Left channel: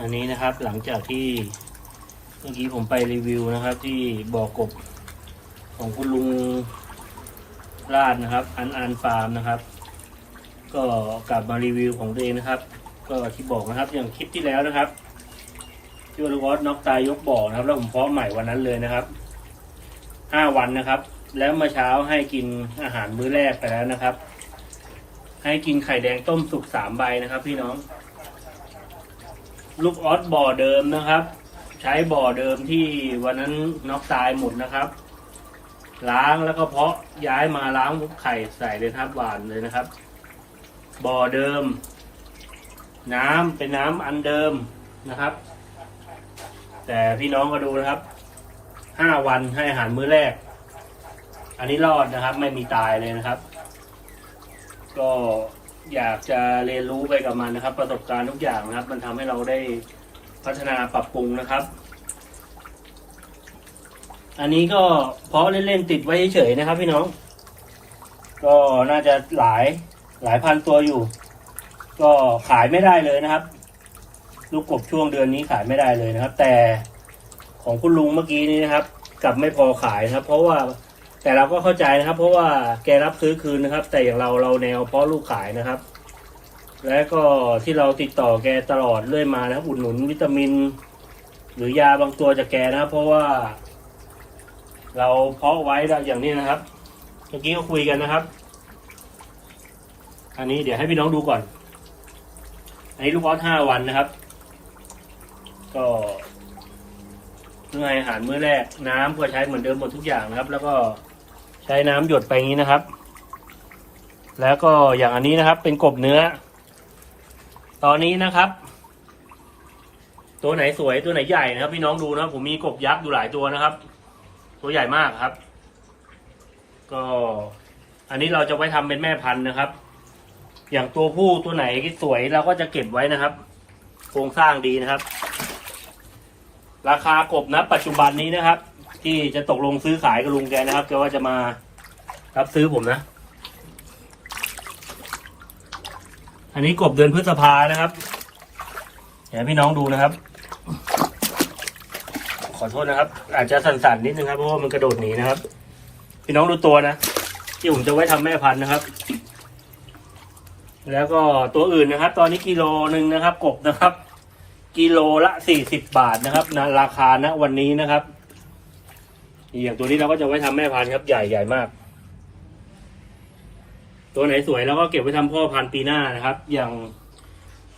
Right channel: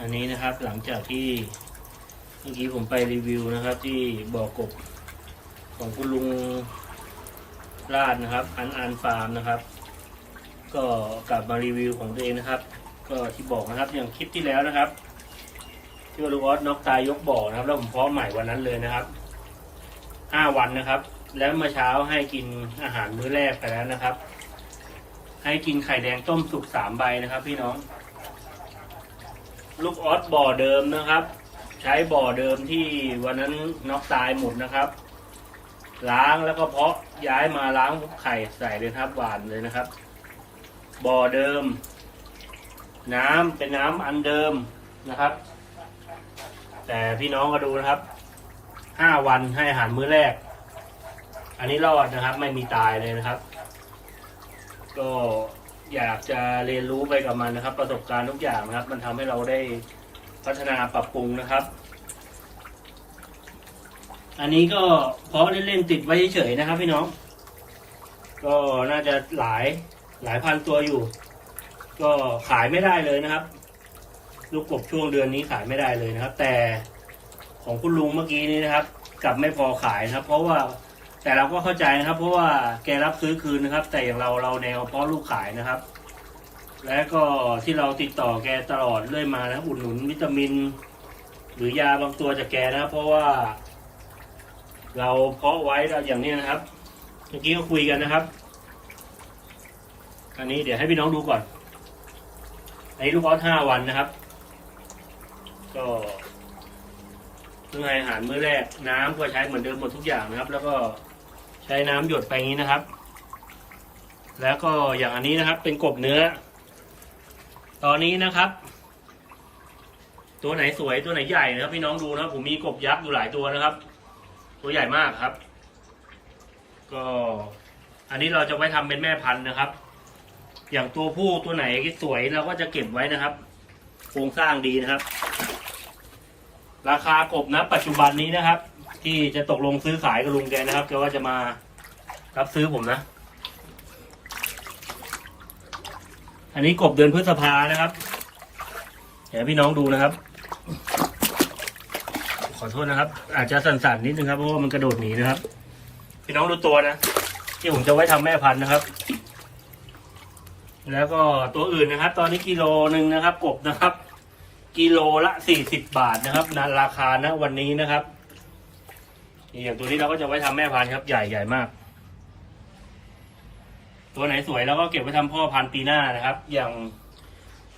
อันนี้นะครับหลังจากที่เมื่อกี้ผมไปรีวิวนะครับ ที่บ่อกบของคุณลุงราดนะครับ อันอันฟาร์มนะครับ ก็กลับมารีวิวของตัวเองนะครับ ก็ที่บอกนะครับอย่างคลิปที่แล้วนะครับ ที่วอลูกอสน็อกตายยกบ่อนะครับ แล้วผมเพาะใหม่วันนั้นเลยนะครับห้าวันนะครับ แล้วเมื่อเช้าให้กินอาหารมื้อแรกไปแล้วนะครับ ให้กินไข่แดงต้มสุกสามใบนะครับ พี่น้อง ลูกออสบ่อเดิมนะครับ ใช้บ่อเดิมที่วันนั้นน็อกตายหมดนะครับ ล้างแล้วก็เพาะย้ายมาล้างไข่ใส่เลยครับหวานเลยนะครับ บ่อเดิม น้ำเป็นน้ำอันเดิมนะครับ แต่พี่น้องก็ดูนะครับห้าวันให้อาหารมื้อแรก อันนี้รอดนะครับ ไม่มีตายเลยนะครับ ก็ อยากจะเรียนรู้ไปกับมันนะครับ ประสบการณ์ทุกอย่างนะครับ มันทำให้เราได้พัฒนาปรับปรุงนะครับ อันนี้ก็เพราะเล่นๆติดไว้เฉยๆนะครับ พี่น้อง ก็น่าจะหลายหลายพันตัวอยู่ ก็ขายไม่ได้เลยนะครับ ลูกกบช่วงเดือนนี้ขายไม่ได้เลยนะครับ แต่ของคุณลุงเมื่อกี้นี้นะครับ กลับไม่พอขายนะครับ เพราะว่า แต่เราก็เข้าใจนะครับ เพราะว่าแกรับซื้อคืนนะครับ แต่อย่างเราเราแนวเพาะลูกขายนะครับ และก็ที่เราติดต่อแกตลอดเรื่อยมานะครับอุดหนุนวิตามิน หรือยาบางตัวจากแกนะครับ เพราะว่า เราเพาะไว้แล้วอย่างนี้นะครับเมื่อกี้ก็คุยกันนะครับ อันนี้เดี๋ยวให้พี่น้องดูก่อน อันนี้ลูกออสห้าวันนะครับ ก็เพื่ออาหารมื้อแรกน้ำก็ใช้เหมือนเดิมหมดทุกอย่างนะครับ แล้วก็ ใช้น้ำหยดไปอย่างนี้นะครับ แล้วก็อย่างอันนี้นะครับ เป็นกบเนื้อ ตอนนี้นะครับ ตัวไหนสวยตัวไหนใหญ่นะครับ พี่น้องดูนะครับ ผมมีกบยักษ์อยู่หลายตัวนะครับ ตัวใหญ่มากครับ ก็อันนี้เราจะไว้ทำเป็นแม่พันธุ์นะครับ อย่างตัวผู้ตัวไหนที่สวยเราก็จะเก็บไว้นะครับ โครงสร้างดีนะครับ ราคากบนะปัจจุบันนี้นะครับ ที่จะตกลงซื้อขายกับลุงแกนะครับแกว่าจะมารับซื้อผมนะ อันนี้กบเดือนพฤษภานะครับเดี๋ยวพี่น้องดูนะครับ ขอโทษนะครับ อาจจะสั่นๆนิดนึงครับเพราะว่ามันกระโดดหนีนะครับ พี่น้องดูตัวนะที่ผมจะไว้ทำแม่พันธุ์นะครับ แล้วก็ตัวอื่นนะครับ ตอนนี้กิโลหนึ่งนะครับ กบนะครับ กิโลละสี่สิบบาทนะครับนะราคานะวันนี้นะครับ อย่างตัวนี้เราก็จะไว้ทำแม่พันธุ์ครับ ใหญ่ใหญ่มาก ตัวไหนสวยเราก็เก็บไว้ทำพ่อพันธุ์ปีหน้านะครับ อย่าง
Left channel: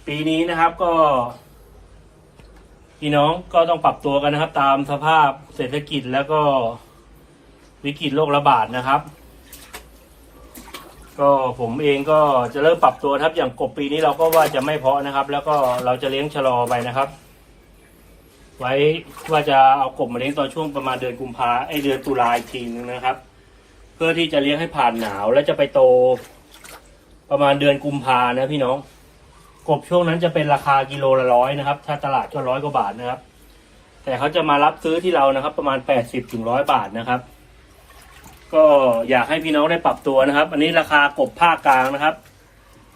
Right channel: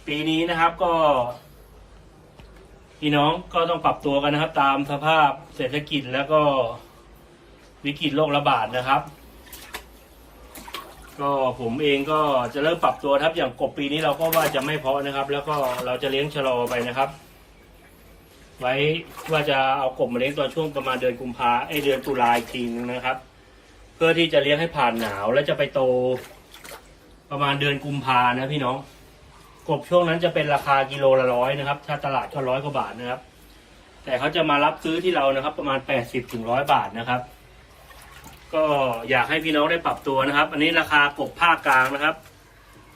ปีนี้นะครับก็ พี่น้องก็ต้องปรับตัวกันนะครับ ตามสภาพเศรษฐกิจแล้วก็วิกฤตโรคระบาดนะครับ ก็ผมเองก็จะเริ่มปรับตัวครับ อย่างกบปีนี้เราก็ว่าจะไม่เพาะนะครับ แล้วก็เราจะเลี้ยงชะลอไปนะครับ ไว้ว่าจะเอากบมาเลี้ยงตอนช่วงประมาณเดือนกุมภาไอเดือนตุลาอีกทีนึงนะครับ เพื่อที่จะเลี้ยงให้ผ่านหนาวแล้วจะไปโต ประมาณเดือนกุมภานะพี่น้อง กบช่วงนั้นจะเป็นราคากิโลละร้อยนะครับ ถ้าตลาดก็ร้อยกว่าบาทนะครับ แต่เขาจะมารับซื้อที่เรานะครับ ประมาณแปดสิบถึงร้อยบาทนะครับ ก็อยากให้พี่น้องได้ปรับตัวนะครับ อันนี้ราคากบภาคกลางนะครับ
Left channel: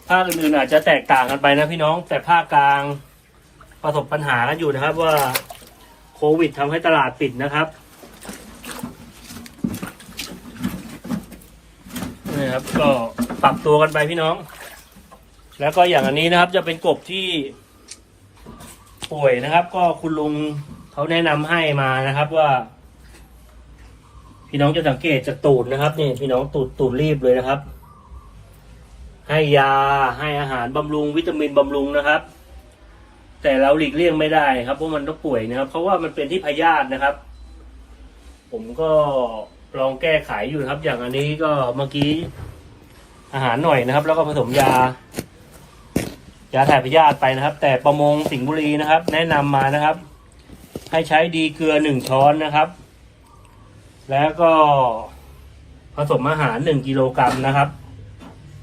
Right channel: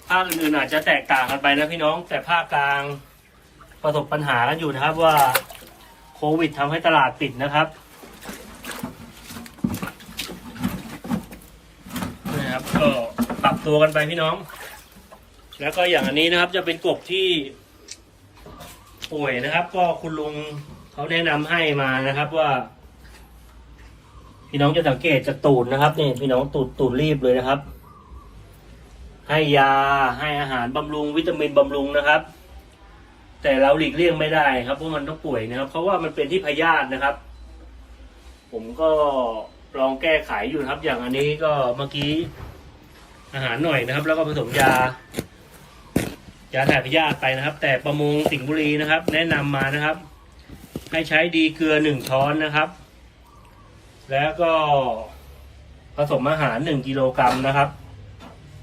ภาคอื่นๆอาจจะแตกต่างกันไปนะพี่น้อง แต่ภาคกลางประสบปัญหากันอยู่นะครับว่า ควิดทำให้ตลาดปิดนะครับนี่ครับก็ปรับตัวกันไปพี่น้อง แล้วก็อย่างอันนี้นะครับ จะเป็นกบที่ป่วยนะครับ ก็คุณลุงเขาแนะนำให้มานะครับว่า พี่น้องจะสังเกตจากตูดนะครับนี่พี่น้องตูดตูดรีบเลยนะครับ ให้ยาให้อาหารบำรุงวิตามินบำรุงนะครับ แต่เราหลีกเลี่ยงไม่ได้ครับเพราะมันต้องป่วยนะครับ เพราะว่ามันเป็นที่พยาธินะครับ ผมก็ลองแก้ไขอยู่นะครับ อย่างอันนี้ก็เมื่อกี้อาหารหน่อยนะครับ แล้วก็ผสมยายาถ่ายพยาธิไปนะครับ แต่ประมงสิงห์บุรีนะครับ แนะนำมานะครับ ให้ใช้ดีเกลือหนึ่งช้อนนะครับ แล้วก็ผสมอาหารหนึ่งกิโลกรัมนะครับ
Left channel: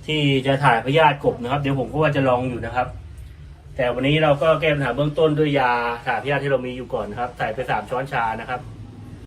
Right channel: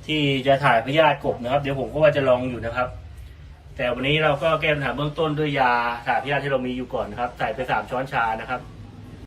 ที่จะถ่ายพยาธิกบนะครับ เดี๋ยวผมก็ว่าจะลองอยู่นะครับ แต่วันนี้เราก็แก้ปัญหาเบื้องต้นด้วยยาสายพยาธิที่เรามีอยู่ก่อนนะครับ ใส่ไปสามช้อนชานะครับ